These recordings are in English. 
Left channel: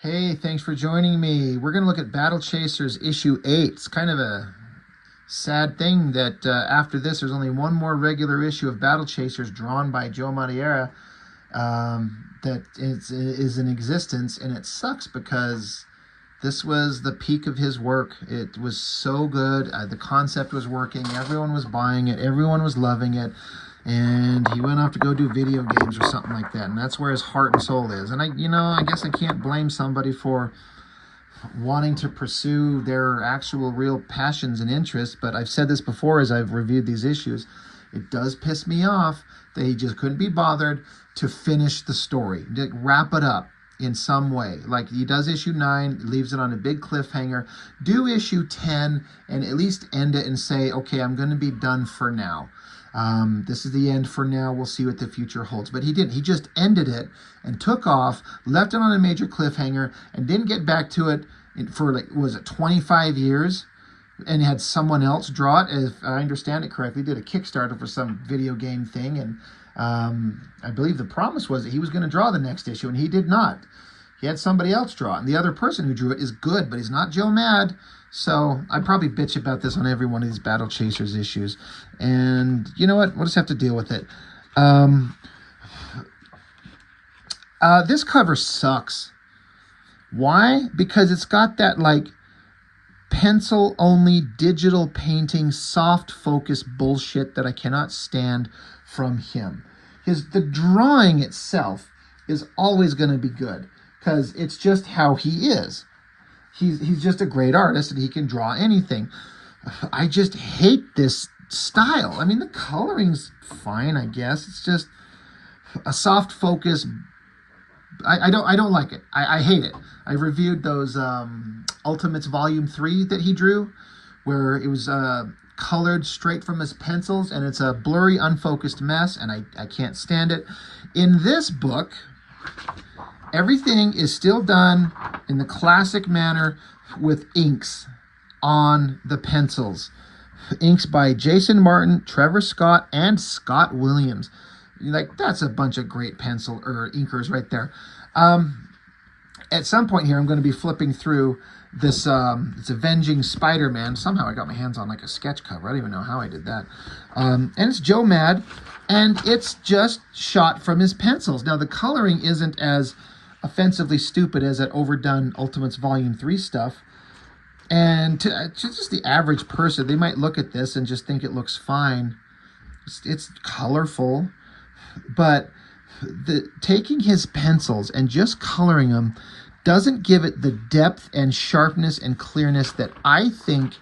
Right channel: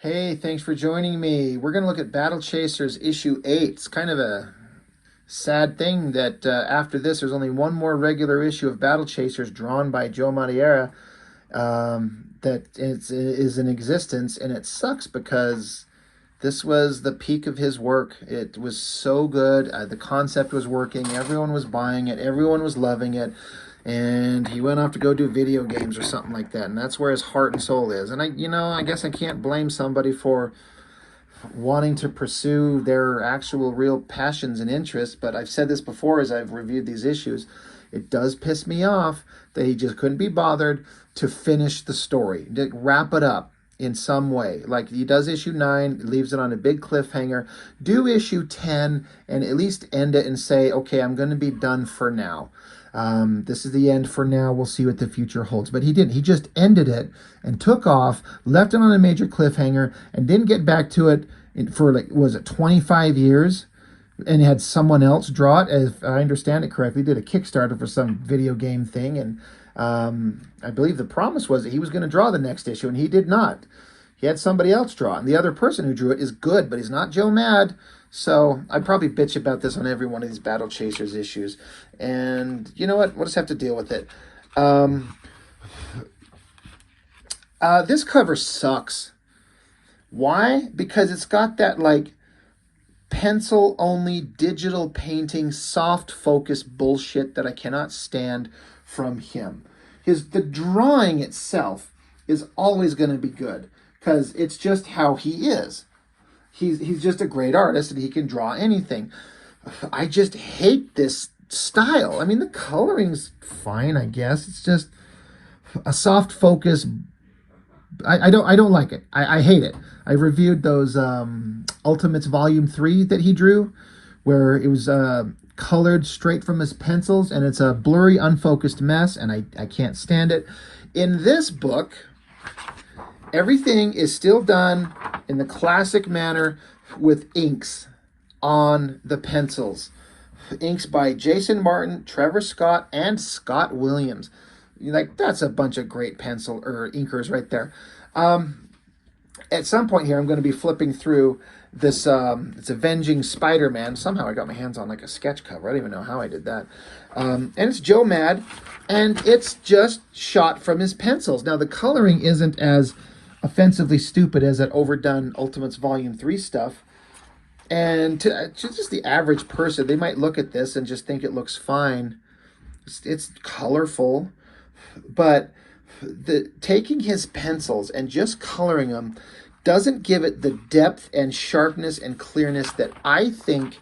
Hey, thanks for joining me. We're going to look at Battle Chasers issue 8. It's kind of a sad thing that after this, there's only one more regular issue of Battle Chasers drawn by Joe Madureira that is in existence, and it sucks because this was the peak of his work. It was so good. The concept was working. Everyone was buying it. Everyone was loving it. And he went off to go do video games or something like that. And that's where his heart and soul is. And I guess I can't blame somebody for wanting to pursue their actual real passions and interests. But I've said this before as I've reviewed these issues. It does piss me off that he just couldn't be bothered to finish the story, to wrap it up in some way. Like he does issue 9, leaves it on a big cliffhanger. Do issue 10 and at least end it and say, okay, I'm going to be done for now. This is the end for now. We'll see what the future holds. But he didn't. He just ended it and took off, left it on a major cliffhanger, and didn't get back to it for, like, was it 25 years? And he had someone else draw it, if I understand it correctly. Did a Kickstarter for some video game thing. And I believe the promise was that he was going to draw the next issue, and he did not. He had somebody else draw it. And the other person who drew it is good, but he's not Joe Mad. So I'd probably bitch about this on every one of these Battle Chasers issues. And you know what? We'll just have to deal with it. This cover sucks. Why? Because it's got that, like, pencil-only digital painting, soft focus bullshit that I cannot stand from him. The drawing itself is always going to be good because it's just how he is. He's just a great artist and he can draw anything. I just hate this style. I mean, the coloring's fine, I guess. It's just a soft focus. I don't like it. I hate it. I reviewed those Ultimates Volume 3 that he drew, where it was colored straight from his pencils, and it's a blurry, unfocused mess, and I can't stand it. In this book, everything is still done in the classic manner with inks on the pencils. Inks by Jason Martin, Trevor Scott, and Scott Williams. Like, that's a bunch of great pencil or inkers right there. At some point here, I'm going to be flipping through this, it's Avenging Spider-Man. Somehow I got my hands on like a sketch cover. I don't even know how I did that. And it's Joe Mad, and it's just shot from his pencils. Now, the coloring isn't as offensively stupid as that overdone Ultimates Volume 3 stuff. And to just the average person, they might look at this and just think it looks fine. It's colorful, but taking his pencils and just coloring them doesn't give it the depth and sharpness and clearness that I think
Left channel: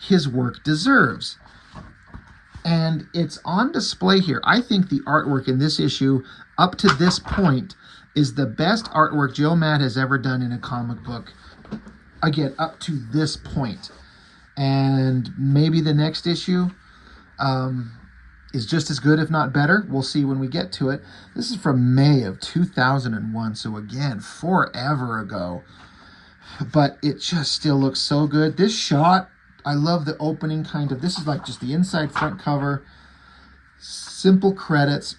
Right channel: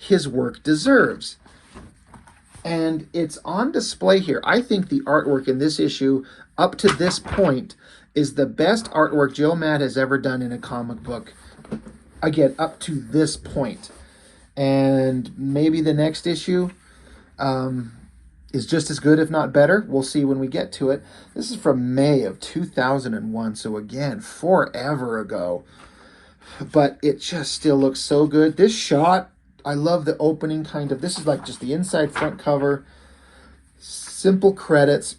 his work deserves. And it's on display here. I think the artwork in this issue, up to this point, is the best artwork Joe Mad has ever done in a comic book. Again, up to this point. And maybe the next issue is just as good, if not better. We'll see when we get to it. This is from May of 2001, so again, forever ago. But it just still looks so good. This shot, I love the opening kind of. This is like just the inside front cover. Simple credits.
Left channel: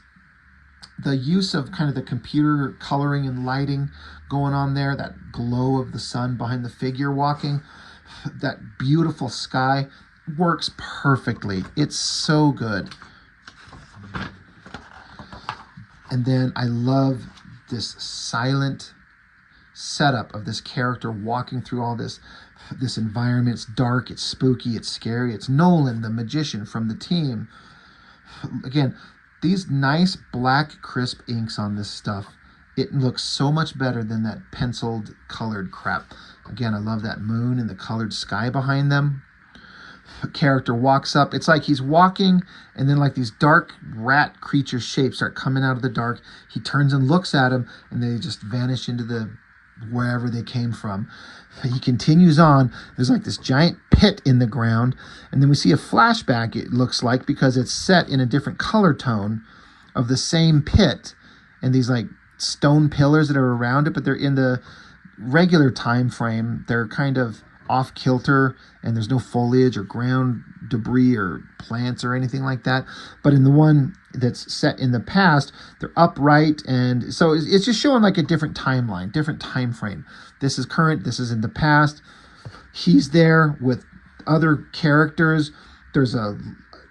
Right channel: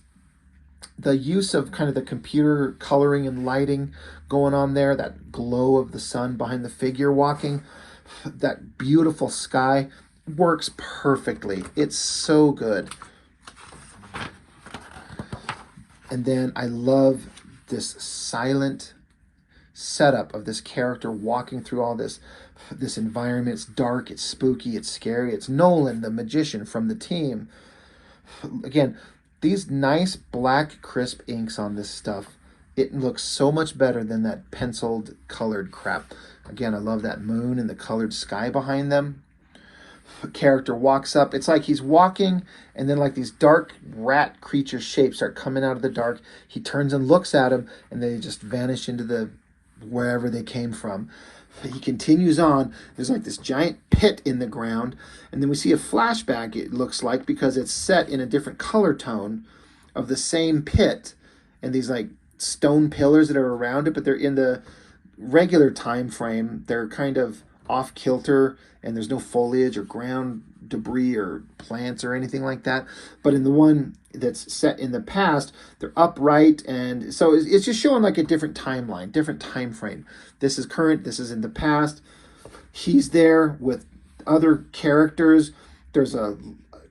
The use of kind of the computer coloring and lighting going on there. That glow of the sun behind the figure walking. That beautiful sky works perfectly. It's so good. And then I love this silent setup of this character walking through all this environment. It's dark, it's spooky, it's scary. It's Nolan, the magician from the team. Again, these nice black crisp inks on this stuff. It looks so much better than that penciled colored crap. Again, I love that moon and the colored sky behind them. Character walks up. It's like he's walking, and then like these dark rat creature shapes start coming out of the dark. He turns and looks at him, and they just vanish into the wherever they came from. He continues on. There's like this giant pit in the ground, and then we see a flashback, it looks like, because it's set in a different color tone of the same pit, and these like stone pillars that are around it, but they're in the regular time frame. They're kind of off kilter and there's no foliage or ground debris or plants or anything like that. But in the one that's set in the past, they're upright, and so it's just showing like a different timeline, different time frame. This is current, this is in the past. He's there with other characters. There's a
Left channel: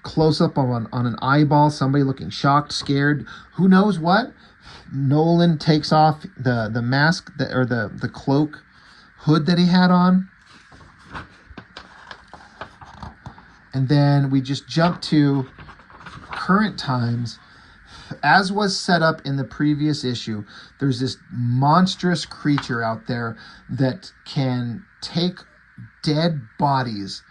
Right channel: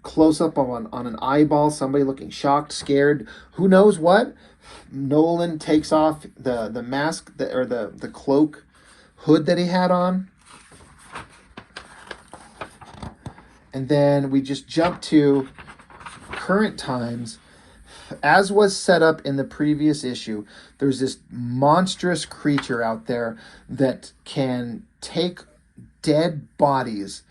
close-up on an eyeball, somebody looking shocked, scared, who knows what. Nolan takes off the mask or the cloak hood that he had on. And then we just jump to current times. As was set up in the previous issue, there's this monstrous creature out there that can take dead bodies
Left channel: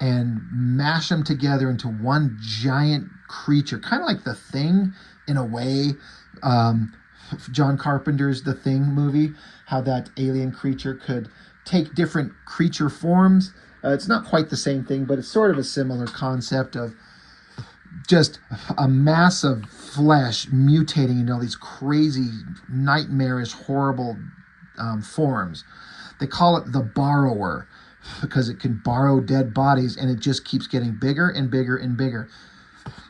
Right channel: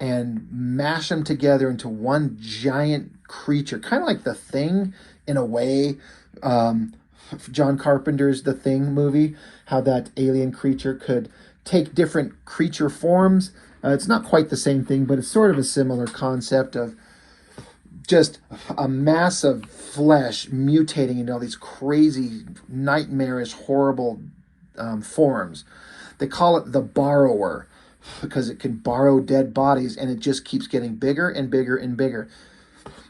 and mash them together into one giant creature, kind of like The Thing in a way. John Carpenter's The Thing movie, how that alien creature could take different creature forms. It's not quite the same thing, but it's sort of a similar concept of just a mass of flesh mutating into all these crazy, nightmarish, horrible forms. They call it the borrower because it can borrow dead bodies, and it just keeps getting bigger and bigger and bigger.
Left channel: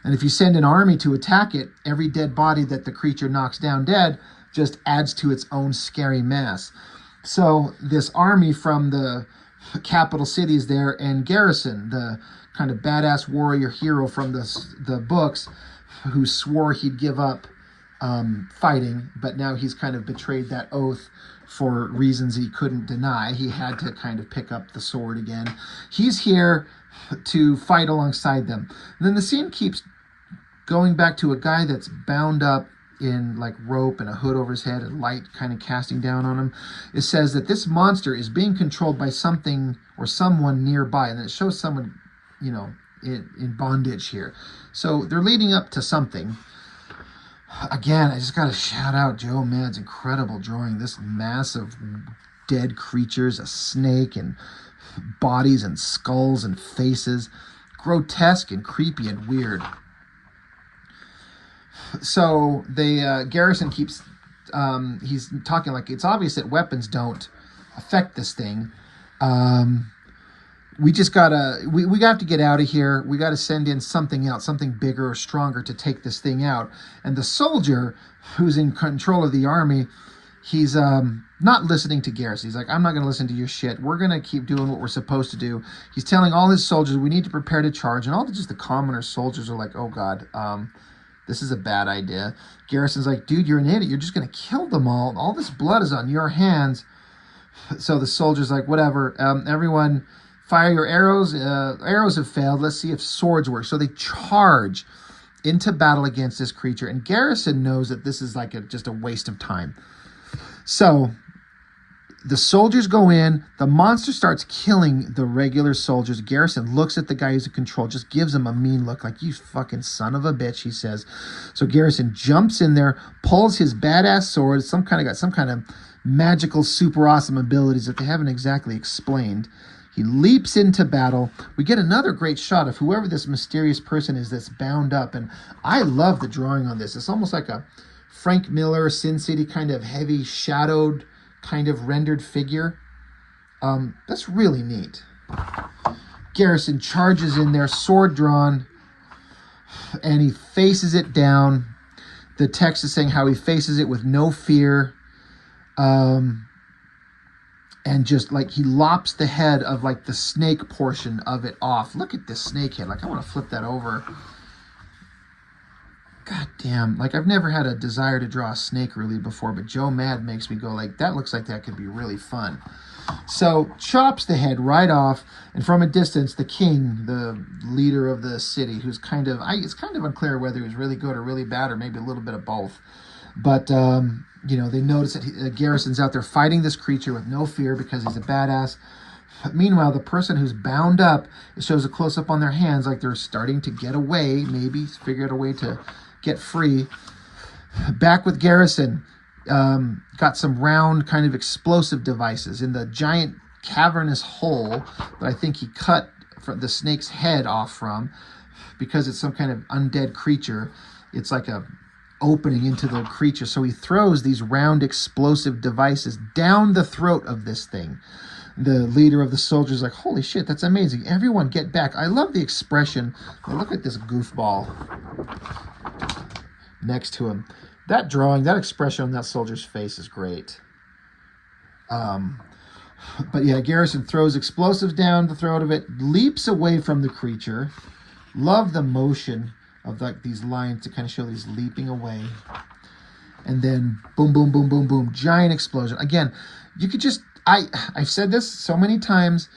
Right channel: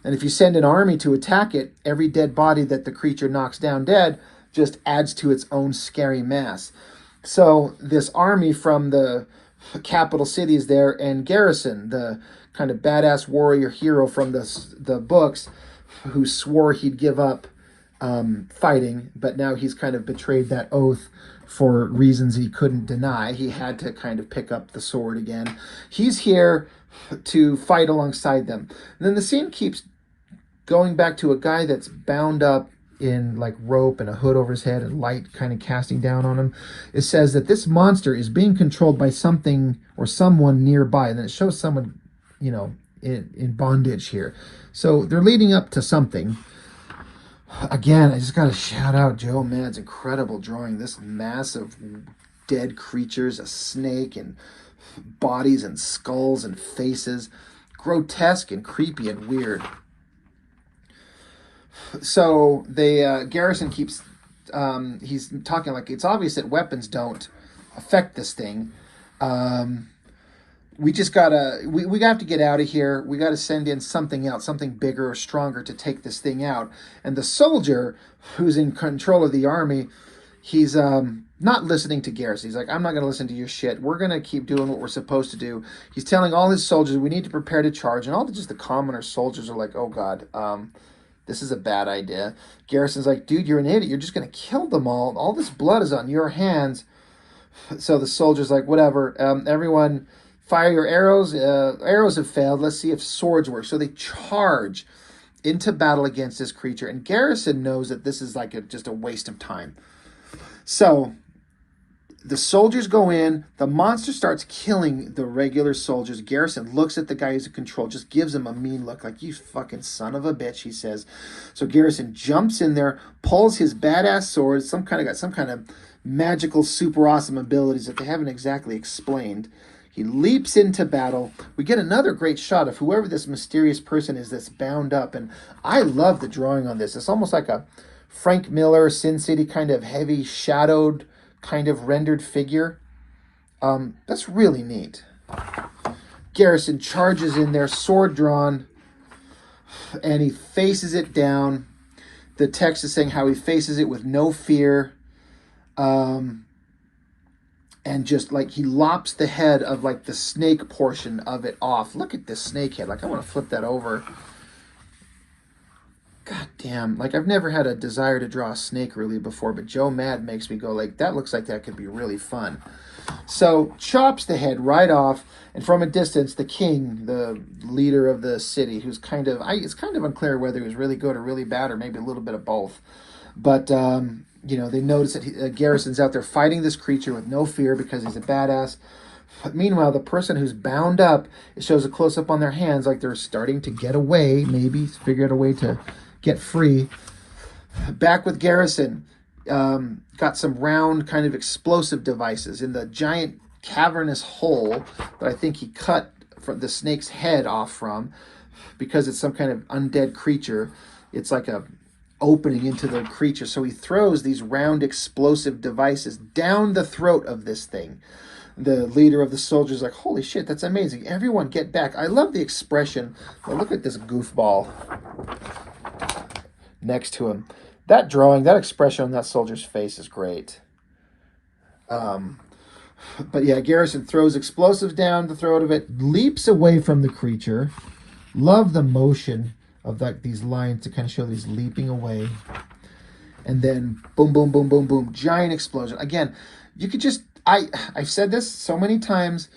And if you send an army to attack it, every dead body that the creature knocks down dead just adds to its own scary mass. So this army from the capital city is there, and Garrison, the kind of badass warrior hero from the books, who swore he'd give up fighting, but now he's kind of betrayed that oath for reasons he couldn't deny. He had to kind of pick up the sword again. He's here to fight alongside them. And then the scene keeps going back to a guy that's bound up in like rope and a hood over his head and light kind of casting down on him. It says that this monster is being controlled by something or someone nearby. And then it shows someone, you know, in bondage here. So they're leading up to something. Again, I just got to shout out Joe Mad's incredible drawing. This mass of dead creatures, a snake and bodies and skulls and faces. Grotesque and creepy and weird. So Garrison keeps, he's talking like it's obvious that weapons don't affect this thing. We just gotta, we have to get out of here. We got to send in something else, something bigger or stronger to take this thing out. And the soldier who's in control of the army, he's not listening to Garrison. He's like, I'm not going to listen to your shit. We're going to keep doing what we're supposed to do. He's telling all his soldiers, we need to prepare to charge. And all just the commoner soldiers are like, oh God, this is a bad idea. Garrison's like, dude, you're an idiot. You're just going to kill them all. All this blood is on your hands. So the soldier's like, whatever. Everyone, fire your arrows. Arrows have failed. Let's see if swords work. So they charge into battle against this creature. And Garrison knows that this is like just a waste of time. So the soldiers go in. The monster starts killing the regular soldiers. Garrison looks at the guy who's in control, just gives him a mean look like, you fucking son of a bitch, he says. So Garrison jumps in there, pulls his badass sword, got some kind of magical, super awesome abilities that they haven't exactly explained. He leaps into battle. We get another great shot of whoever this mysterious person is that's bound up. And I love the drawing on this. It's almost like a Frank Miller, Sin City kind of heavy, shadowed, kind of rendered figure. That's really neat. Garrison charges in there, sword drawn, and he faces it down. The text is saying how he faces it with no fear. And just like he lops the head of like the snake portion of it off. Look at this snake head. Like I want to flip that over. God damn. Like I've never had a desire to draw a snake really before, but Joe Mad makes me go like, that looks like that could be really fun. So chops the head right off, and from a distance, the king, the leader of the city, who's kind of, it's kind of unclear whether he was really good or really bad, or maybe a little bit of both. But, you know, they notice that Garrison's out there fighting this creature with no fear because he's a badass. But meanwhile, the person who's bound up, it shows a close-up on their hands like they're starting to get away, maybe figure out a way to get free. Back with Garrison, got some round kind of explosive devices in the giant cavernous hole that I think he cut the snake's head off from, because it's some kind of undead creature. It's like a opening into the creature. So he throws these round explosive devices down the throat of this thing. the leader of the soldiers like, holy shit, that's amazing. Everyone get back. I love the expression. Well, look at this goofball next to him. That drawing, that expression on that soldier's face is great. But yeah, Garrison throws explosives down the throat of it, leaps away from the creature. Love the motion of like these lines to kind of show these leaping away. And then boom, boom, boom, boom, boom, giant explosion. Again, you could just, I've said this so many times,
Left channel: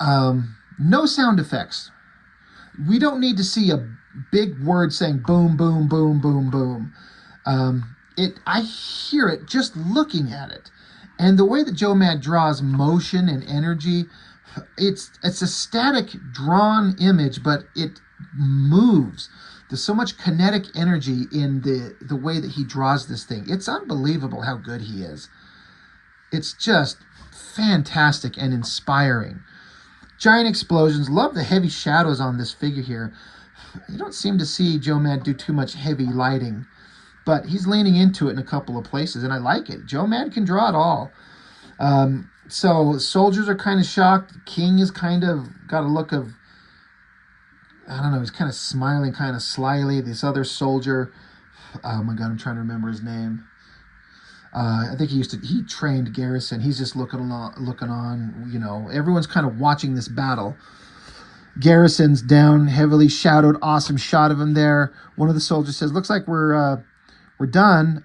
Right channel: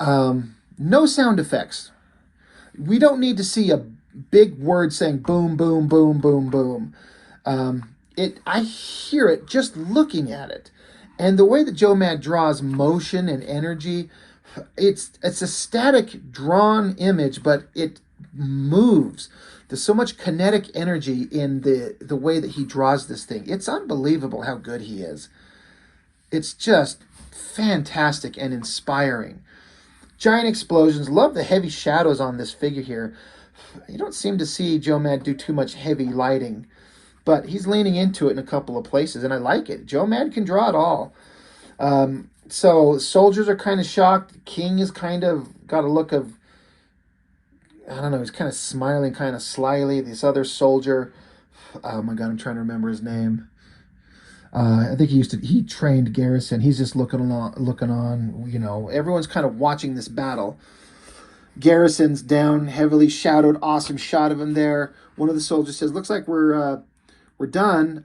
no sound effects. We don't need to see a big word saying boom, boom, boom, boom, boom. I hear it just looking at it. And the way that Joe Mad draws motion and energy, it's a static drawn image, but it moves. There's so much kinetic energy in the way that he draws this thing. It's unbelievable how good he is. It's just fantastic and inspiring. Giant explosions. Love the heavy shadows on this figure here. You don't seem to see Joe Mad do too much heavy lighting, but he's leaning into it in a couple of places, and I like it. Joe Mad can draw it all. So soldiers are kind of shocked. King is kind of got a look of, I don't know, he's kind of smiling kind of slyly. This other soldier, oh my God, I'm trying to remember his name. I think he trained Garrison. He's just looking on, you know. Everyone's kind of watching this battle. Garrison's down, heavily shadowed, awesome shot of him there. One of the soldiers says, looks like we're done.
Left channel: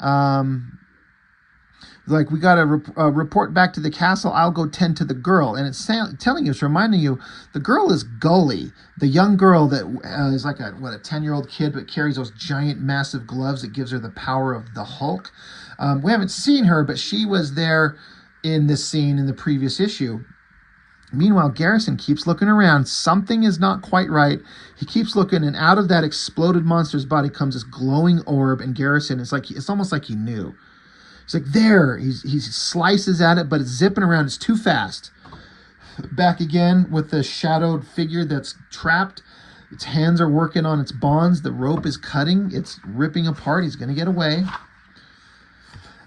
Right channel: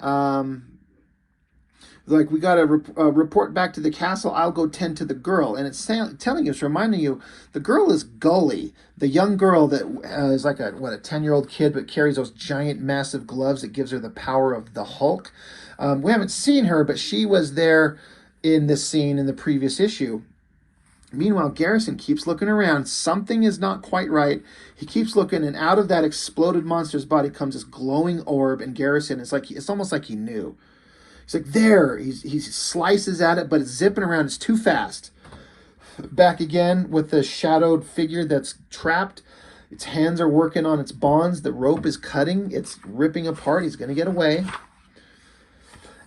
Like, we got to report back to the castle. I'll go tend to the girl. And it's telling you, it's reminding you, the girl is Gulley, the young girl that is like a 10-year-old kid, but carries those giant, massive gloves that gives her the power of the Hulk. We haven't seen her, but she was there in this scene in the previous issue. Meanwhile, Garrison keeps looking around. Something is not quite right. He keeps looking, and out of that exploded monster's body comes this glowing orb, and Garrison, it's almost like he knew. He's like, there. He slices at it, but it's zipping around. It's too fast. Back again with the shadowed figure that's trapped. Its hands are working on its bonds. The rope is cutting. It's ripping apart. He's going to get away.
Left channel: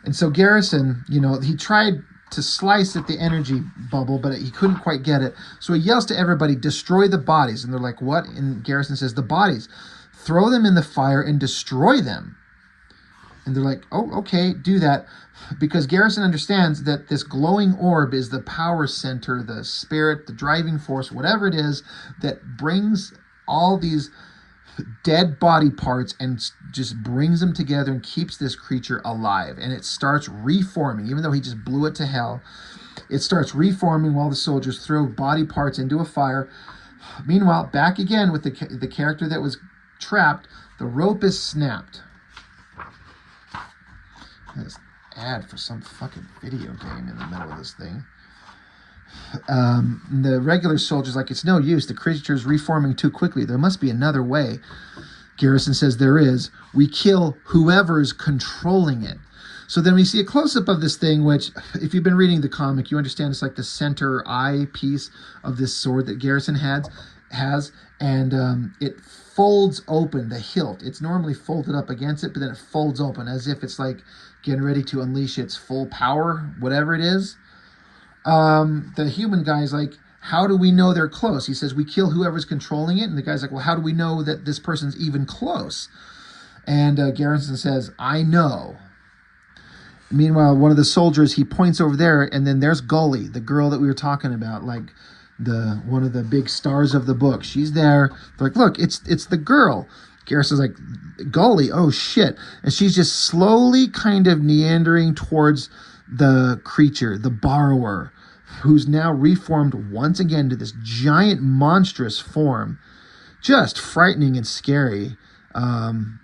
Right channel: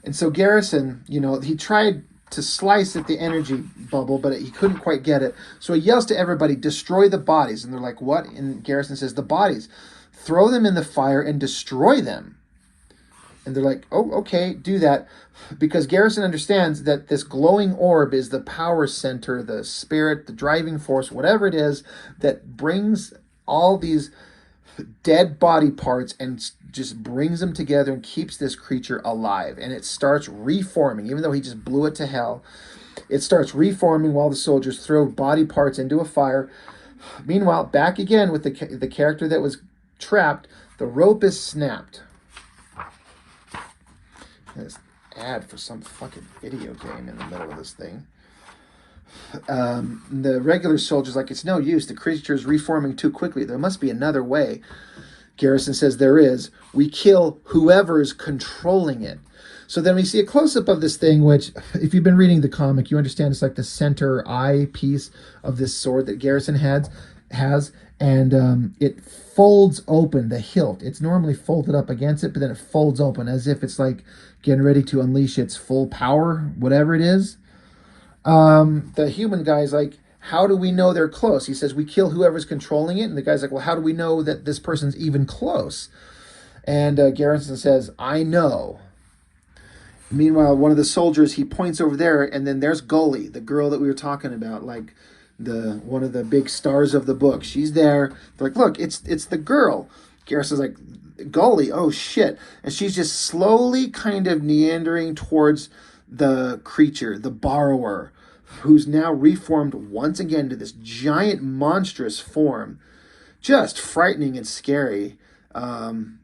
And so Garrison, you know, he tried to slice at the energy bubble, but he couldn't quite get it. So he yells to everybody, destroy the bodies. And they're like, what? And Garrison says, the bodies. Throw them in the fire and destroy them. And they're like, oh, okay, do that. Because Garrison understands that this glowing orb is the power center, the spirit, the driving force, whatever it is that brings all these dead body parts and just brings them together and keeps this creature alive. And it starts reforming. Even though he just blew it to hell, it starts reforming while the soldiers throw body parts into a fire. Meanwhile, back again with the character that was trapped, the rope is snapped. This ad for some fucking video game in the middle of this thing. The regular soldier's like, it's no use. The creature's reforming too quickly. There must be another way. Garrison says there is. We kill whoever's controlling it. So then we see a close-up of this thing, which, if you've been reading the comic, you understand it's like the center eye piece of this sword that Garrison has, and it folds open, the hilt. It's normally folded up against it, but then it folds open as if it's like getting ready to unleash its full power, whatever it is. The human guy's like, how do we know they're close? He says, we kill whoever's controlling it. And the guy's like, well, how do we know that this person's even close? And Garrison says, I know. Meanwhile, one of the soldiers, he points over there, and then there's Gulley, the girl that we were talking about, like one of the big stars of the book. She's there. They're like, look, it's the girl. Garrison's like, Gulley, oh shit. And she's just slowly kind of meandering towards the creature, the borrower, who's now reformed once again to this giant monstrous form. Just frightening and scary. And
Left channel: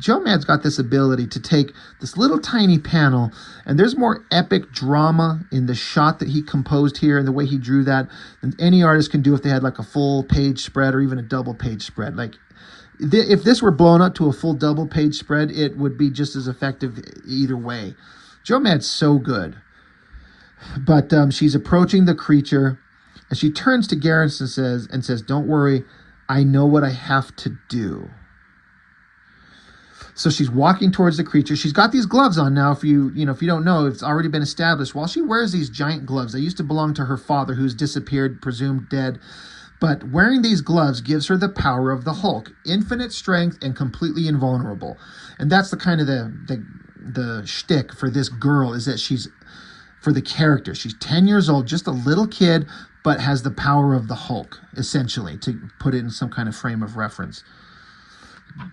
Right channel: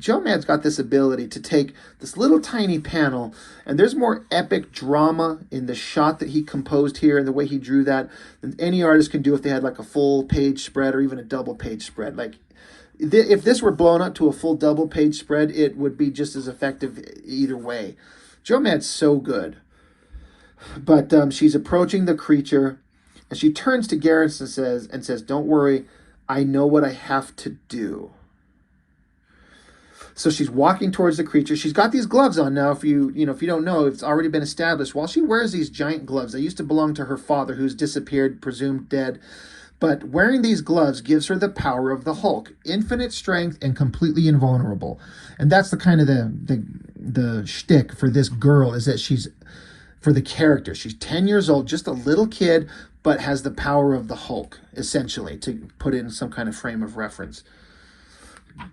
Joe Mad's got this ability to take this little tiny panel, and there's more epic drama in the shot that he composed here and the way he drew that than any artist can do if they had like a full page spread or even a double page spread. Like, if this were blown up to a full double page spread, it would be just as effective either way. Joe Mad's so good. But she's approaching the creature, and she turns to Garrison and says, don't worry, I know what I have to do. So she's walking towards the creature. She's got these gloves on now. If you don't know, it's already been established. While she wears these giant gloves, they used to belong to her father, who's disappeared, presumed dead. But wearing these gloves gives her the power of the Hulk, infinite strength and completely invulnerable. And that's the kind of the shtick for this girl, is that she's, for the character, she's 10 years old, just a little kid, but has the power of the Hulk, essentially, to put it in some kind of frame of reference.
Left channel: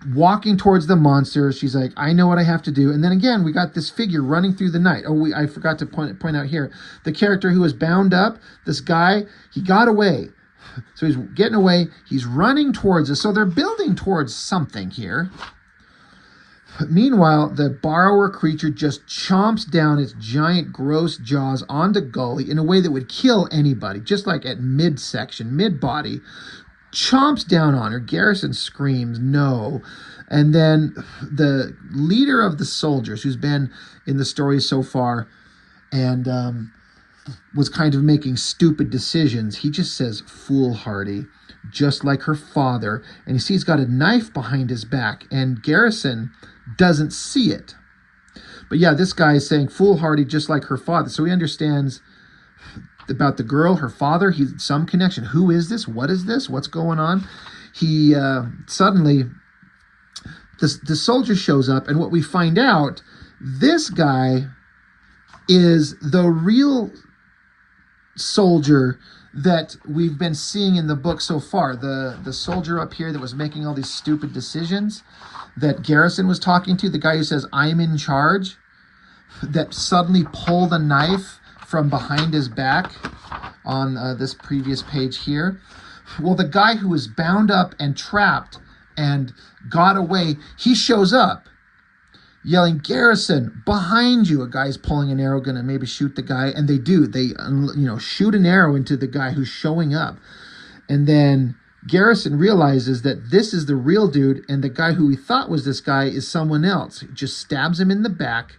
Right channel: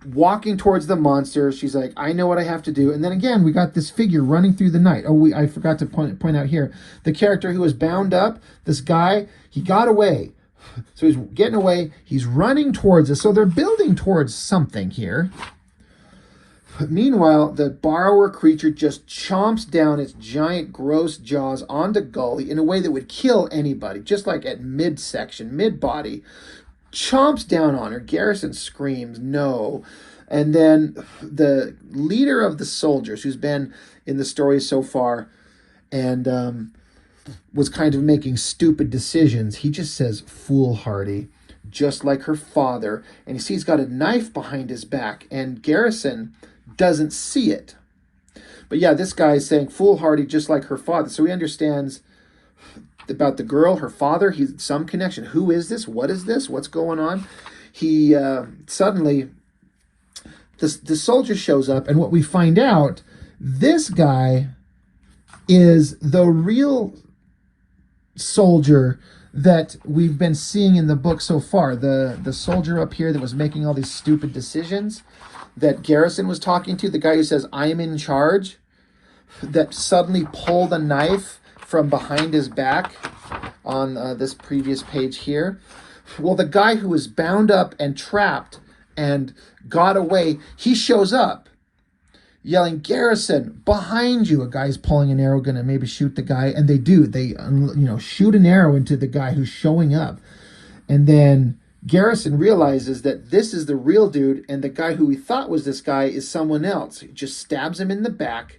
Walking towards the monster, she's like, I know what I have to do. And then again, we got this figure running through the night. I forgot to point out here, the character who was bound up, this guy, he got away. So he's getting away. He's running towards us. So they're building towards something here. Meanwhile, the borrower creature just chomps down its giant, gross jaws onto Gulley in a way that would kill anybody, just like at midsection, mid-body. Chomps down on her. Garrison screams, no. And then the leader of the soldiers, who's been in the story so far and was kind of making stupid decisions, he just says, foolhardy, just like her father. And you see he's got a knife behind his back, and Garrison doesn't see it. But yeah, this guy is saying foolhardy, just like her father. So he understands about the girl, her father, he's some connection. Who is this? What is this? What's going on? He suddenly, the soldier shows up, and what we find out, this guy is the real soldier that we've been seeing in the book so far. The soldier up here that was making all these stupid decisions that Garrison was talking to, the guy who says, I'm in charge, that suddenly pulled a knife from behind his back on this previous page here. Well, the guy who was bound up and trapped and got away, he shows up yelling, Garrison, behind you. A guy's pulling an arrow, gonna maybe shoot the guy, and they do. They shoot an arrow into the guy who's showing up. And then Garrison realizes that this is the real dude, and the guy who he thought was this guy is someone else. He just stabs him in the back.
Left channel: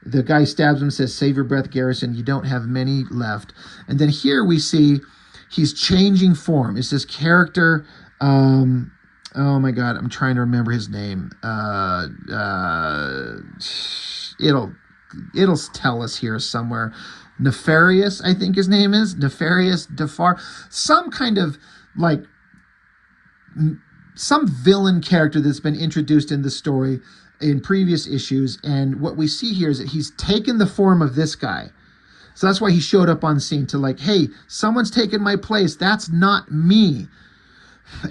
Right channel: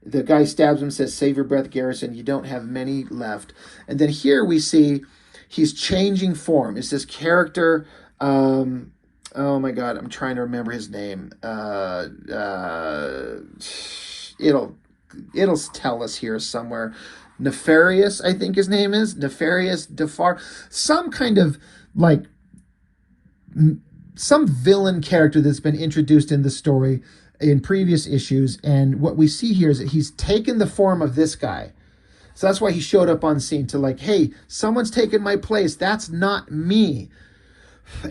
The guy stabs him and says, save your breath, Garrison. You don't have many left. And then here we see he's changing form. It's this character. Oh my God, I'm trying to remember his name. It'll tell us here somewhere. Nefarious, I think his name is. Nefarious Defar. Some kind of like some villain character that's been introduced in the story in previous issues. And what we see here is that he's taken the form of this guy. So that's why he showed up on scene to like, hey, someone's taken my place. That's not me.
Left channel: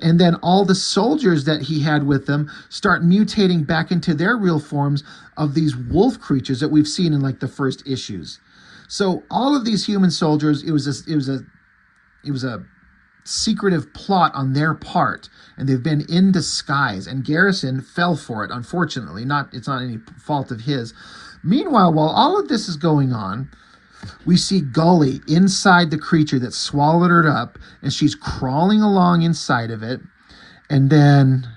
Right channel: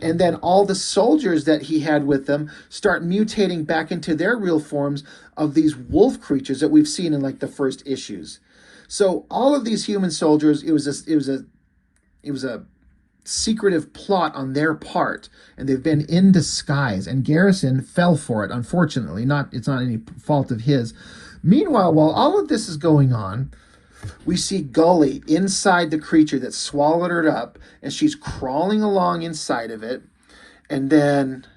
And then all the soldiers that he had with them start mutating back into their real forms of these wolf creatures that we've seen in like the first issues. So all of these human soldiers, it was a secretive plot on their part, and they've been in disguise, and Garrison fell for it, unfortunately. It's not any fault of his. Meanwhile, while all of this is going on, we see Gulley inside the creature that swallowed her up, and she's crawling along inside of it. And then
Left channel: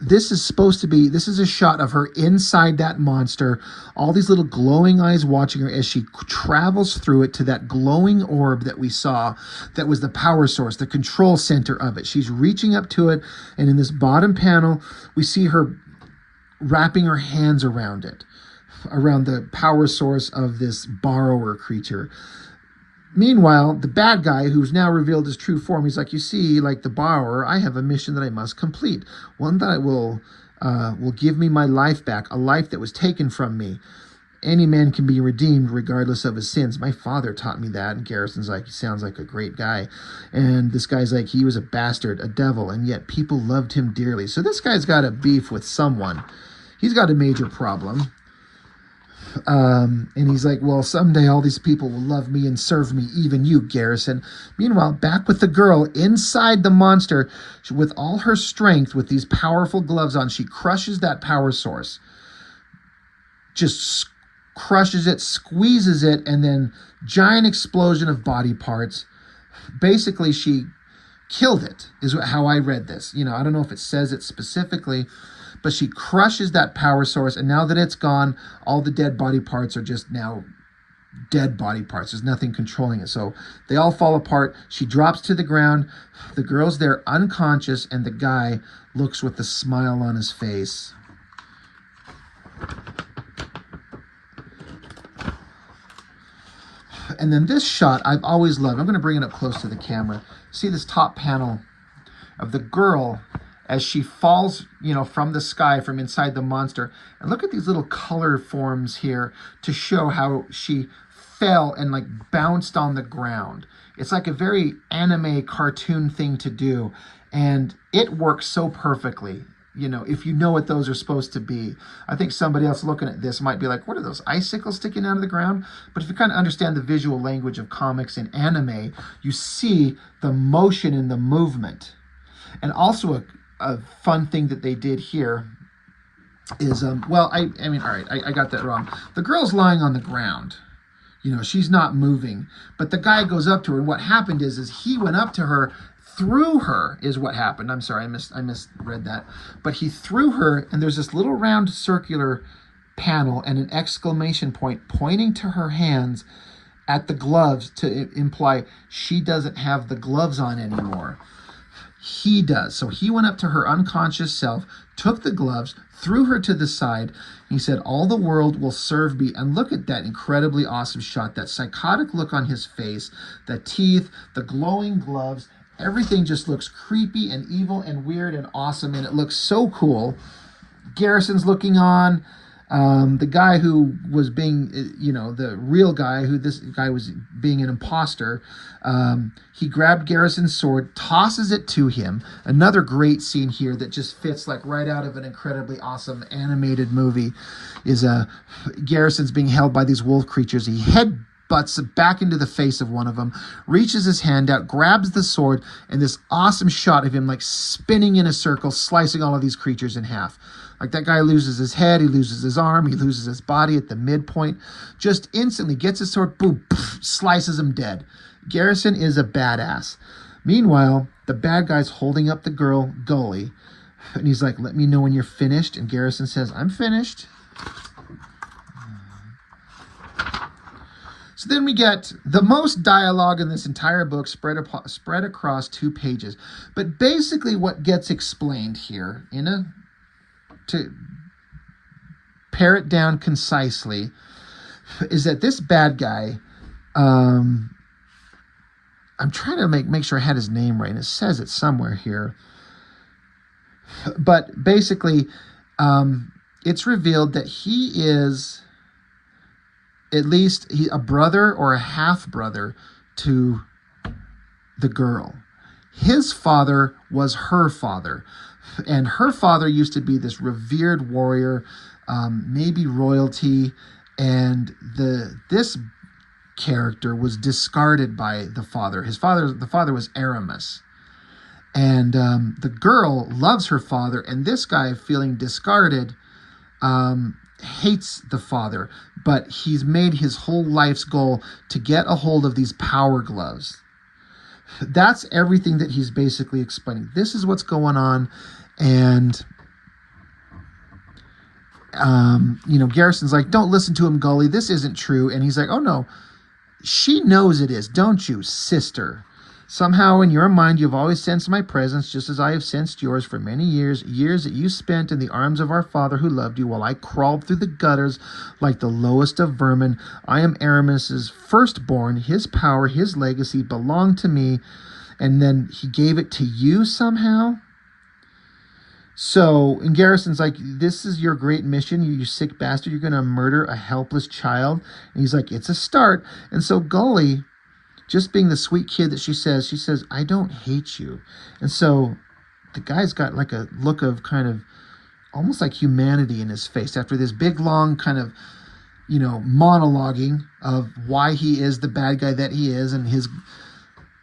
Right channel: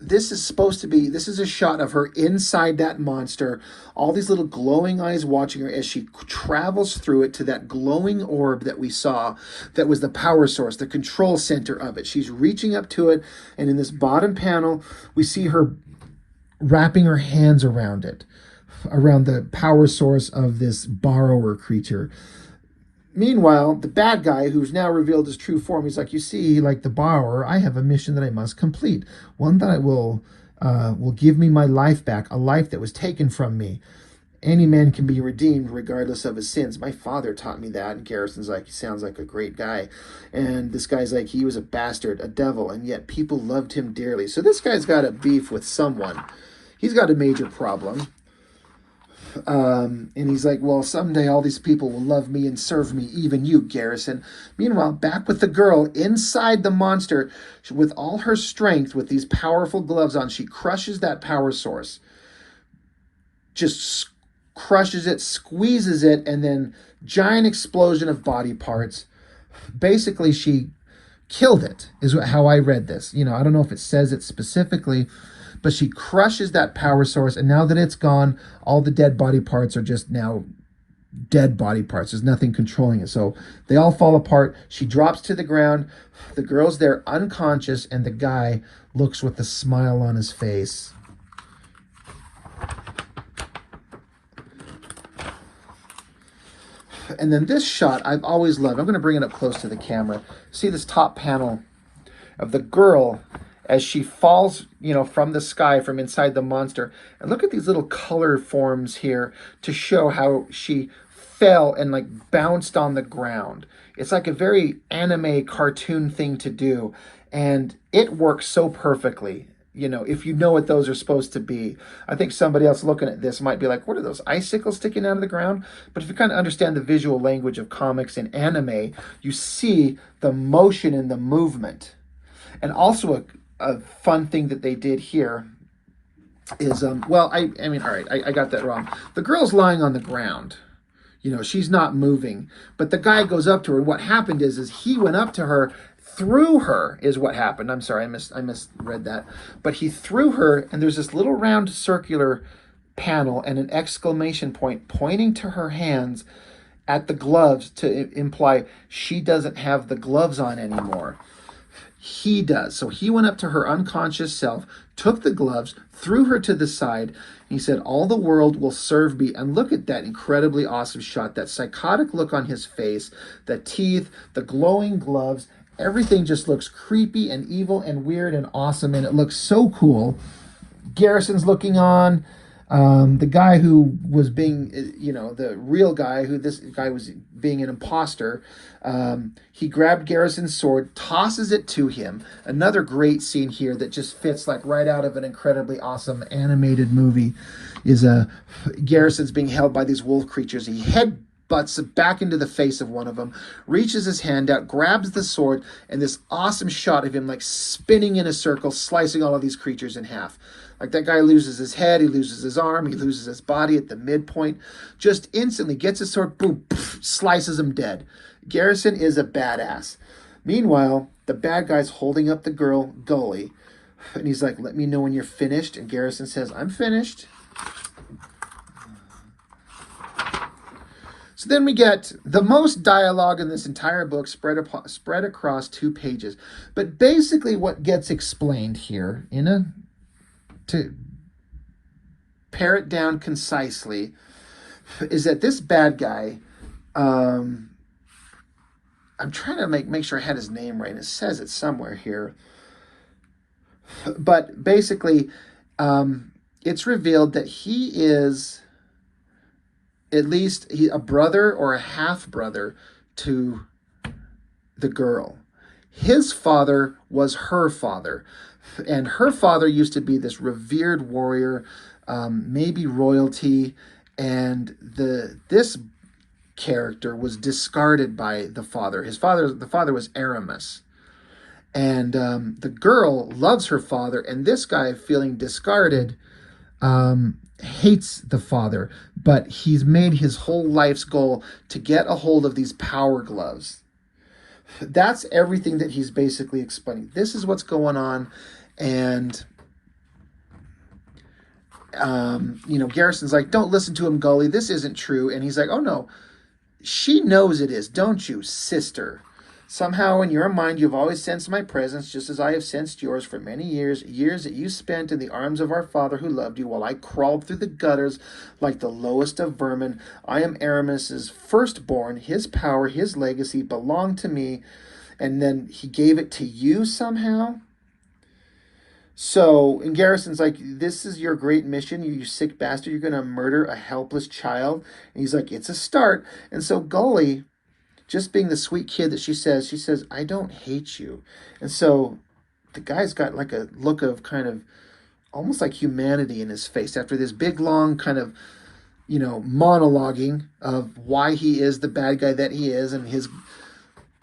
this is a shot of her inside that monster, all these little glowing eyes watching her as she travels through it to that glowing orb that we saw that was the power source, the control center of it. She's reaching up to it, and in this bottom panel, we see her wrapping her hands around it, around the power source of this borrower creature. Meanwhile, the bad guy, who's now revealed his true form, he's like, you see, like the borrower, I have a mission that I must complete. One that will give me my life back, a life that was taken from me. Any man can be redeemed regardless of his sins. My father taught me that. And Garrison's like, he sounds like a great guy. And this guy's like, he was a bastard, a devil, and yet people loved him dearly. So this guy's got a beef with someone. He's got a major problem. And he's like, well, someday all these people will love me and serve me, even you, Garrison. Meanwhile, back with the girl inside the monster, with all her strength, with these powerful gloves on, she crushes that power source. Just crushes it, squeezes it, and then giant explosion of body parts. Basically, she killed it, is how I read this. I don't know if it says it specifically, but she crushes that power source, and now that it's gone, all the dead body parts are just now dead body parts. There's nothing controlling it. So they all fall apart. She drops to the ground. The girl's there unconscious, and the guy looks with a smile on his face. And then this shot I've always loved. I'm going to bring it up close to the camera. See this top panel of the girl as she falls, from the sky, from inside the monster. And look at these little color forms here to show how she fell and like bounced on the ground. It's like a very anime cartoon thing to do. And it works so perfectly. If you know what those are supposed to be. I think somebody else looking at this might be like, what are those icicles sticking out of the ground? But if you kind of understand the visual language of comics and anime, you see the motion and the movement. And also a fun thing that they did here is, I got that wrong. The girl's lying on the ground. She's not moving. But the guy goes up to her, and what happened is he went up to her, threw her is what happened. I'm sorry, I misread that. But he threw her, and there's this little round circular panel and an exclamation point pointing to her hands at the gloves to imply she doesn't have the gloves on anymore. He does. So he went up to her unconscious self, took the gloves, threw her to the side. He said, all the world will serve me. And look at that incredibly awesome shot, that psychotic look on his face, the teeth, the glowing gloves. Everything just looks creepy and evil and weird and awesome, and it looks so cool. Garrison's looking on. The guy who was being, the real guy, who this guy was being an imposter, he grabbed Garrison's sword, tosses it to him. Another great scene here that just fits like right out of an incredibly awesome animated movie is Garrison's being held by these wolf creatures. He headbutts back into the face of one of them, reaches his hand out, grabs the sword, and this awesome shot of him like spinning in a circle, slicing all of these creatures in half. Like that guy loses his head, he loses his arm, he loses his body at the midpoint. Just instantly gets his sword, boom, slices him dead. Garrison is a badass. Meanwhile, the bad guy's holding up the girl, Gulley, and he's like, let me know when you're finished. And Garrison says, I'm finished. So then we get the most dialogue in this entire book spread across 2 pages. But basically what gets explained here, to pare it down concisely, is that this bad guy, I'm trying to make sure I had his name right. It says it somewhere here. But basically, it's revealed that he is at least a brother or a half-brother to the girl. His father was her father. And her father used to be this revered warrior, maybe royalty. And this character was discarded by the father. The father was Aramis. And the girl loves her father. And this guy, feeling discarded, hates the father. But he's made his whole life's goal to get a hold of these power gloves. That's everything that he's basically explaining. This is what's going on. And, Garrison's like, don't listen to him, Gulley. This isn't true. And he's like, oh, no, she knows it is. Don't you, sister? Somehow in your mind, you've always sensed my presence, just as I have sensed yours for many years that you spent in the arms of our father who loved you while I crawled through the gutters like the lowest of vermin. I am Aramis's firstborn. His power, his legacy belonged to me. And then he gave it to you somehow. So, and Garrison's like, this is your great mission, you sick bastard. You're going to murder a helpless child. And he's like, it's a start. And so Gulley, just being the sweet kid that she says, I don't hate you. And so the guy's got like a look of kind of almost like humanity in his face after this big, long kind of, monologuing of why he is the bad guy that he is and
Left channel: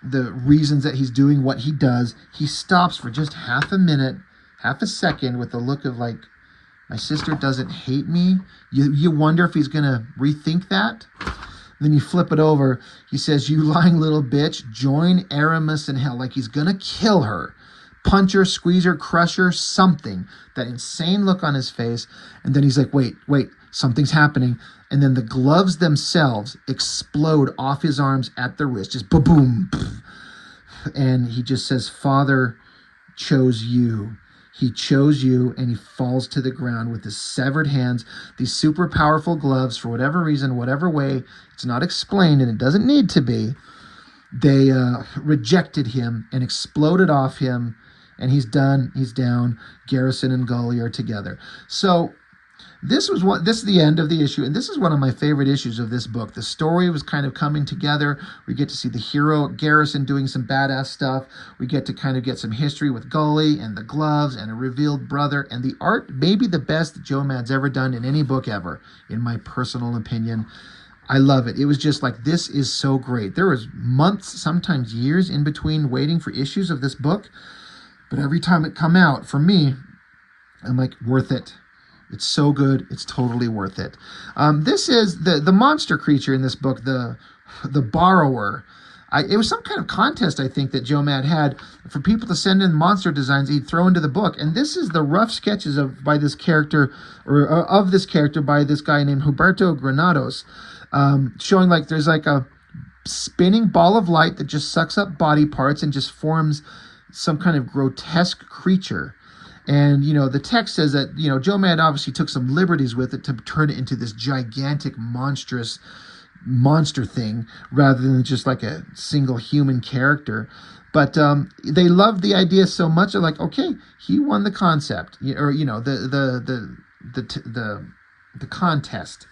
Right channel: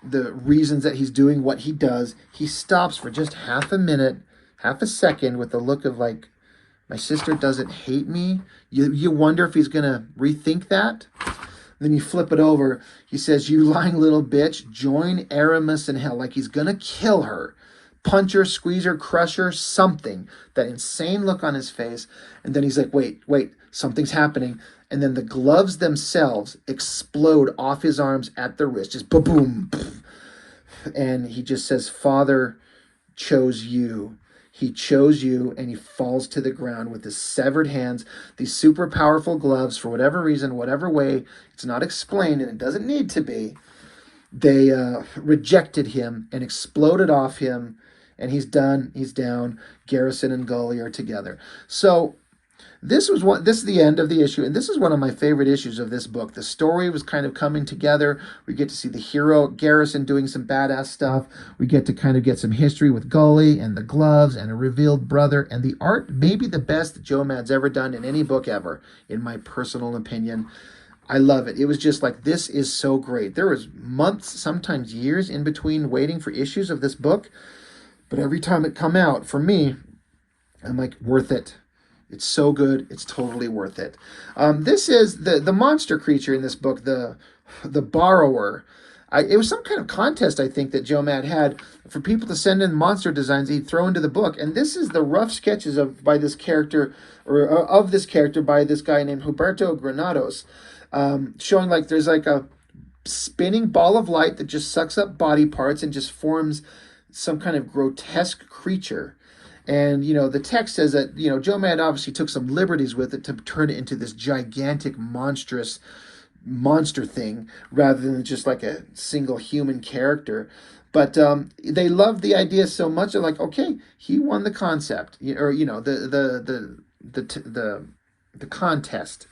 the reasons that he's doing what he does. He stops for just half a second with a look of like, my sister doesn't hate me. You wonder if he's going to rethink that. Then you flip it over. He says, you lying little bitch, join Aramis in hell. Like he's going to kill her. Punch her, squeeze her, crush her, something. That insane look on his face. And then he's like, wait, something's happening. And then the gloves themselves explode off his arms at the wrist, just boom, and he just says, Father chose you. He chose you, and he falls to the ground with his severed hands, these super powerful gloves, for whatever reason, whatever way, it's not explained, and it doesn't need to be. They rejected him and exploded off him, and he's done. He's down. Garrison and Gulley are together. So this is the end of the issue, and this is one of my favorite issues of this book. The story was kind of coming together. We get to see the hero Garrison doing some badass stuff. We get to kind of get some history with Gulley and the gloves and a revealed brother, and the art may be the best that Joe Mad's ever done in any book ever, in my personal opinion. I love it. It was just like, this is so great. There was months, sometimes years in between waiting for issues of this book, but every time it come out, for me, I'm like, worth it. It's so good. It's totally worth it. This is the monster creature in this book, the borrower. It was some kind of contest, I think, that Joe Mad had for people to send in monster designs he'd throw into the book. And this is the rough sketches of this character by this guy named Huberto Granados, showing like there's like a spinning ball of light that just sucks up body parts and just forms some kind of grotesque creature. And, the text says that, Joe Mad obviously took some liberties with it to turn it into this gigantic, monstrous monster thing rather than just like a single human character. But they loved the idea so much. They're like, okay, he won the concept, or, the contest,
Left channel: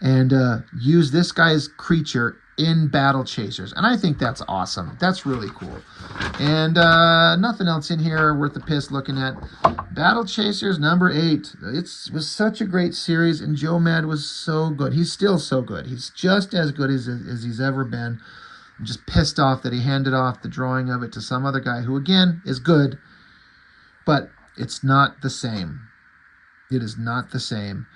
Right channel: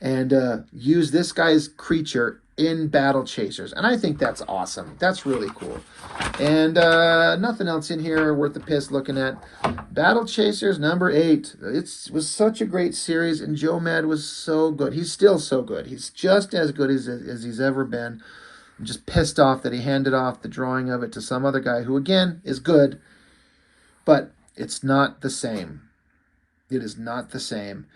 and use this guy's creature in Battle Chasers. And I think that's awesome. That's really cool. And nothing else in here worth the piss looking at. Battle Chasers number 8. It was such a great series, and Joe Mad was so good. He's still so good. He's just as good as he's ever been. I'm just pissed off that he handed off the drawing of it to some other guy who, again, is good, but it's not the same. It is not the same.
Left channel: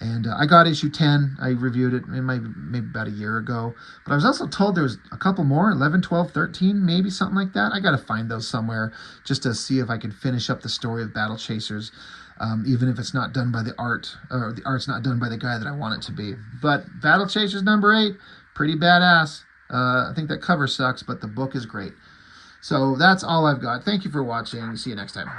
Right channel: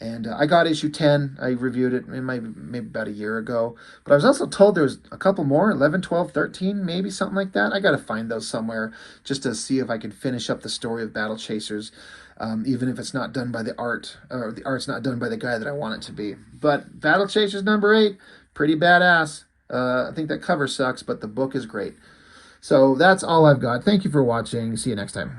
And I got issue 10. I reviewed it maybe about a year ago. But I was also told there was a couple more, 11, 12, 13, maybe something like that. I got to find those somewhere just to see if I could finish up the story of Battle Chasers, even if it's not done by the art, or the art's not done by the guy that I want it to be. But Battle Chasers number 8, pretty badass. I think that cover sucks, but the book is great. So that's all I've got. Thank you for watching. See you next time.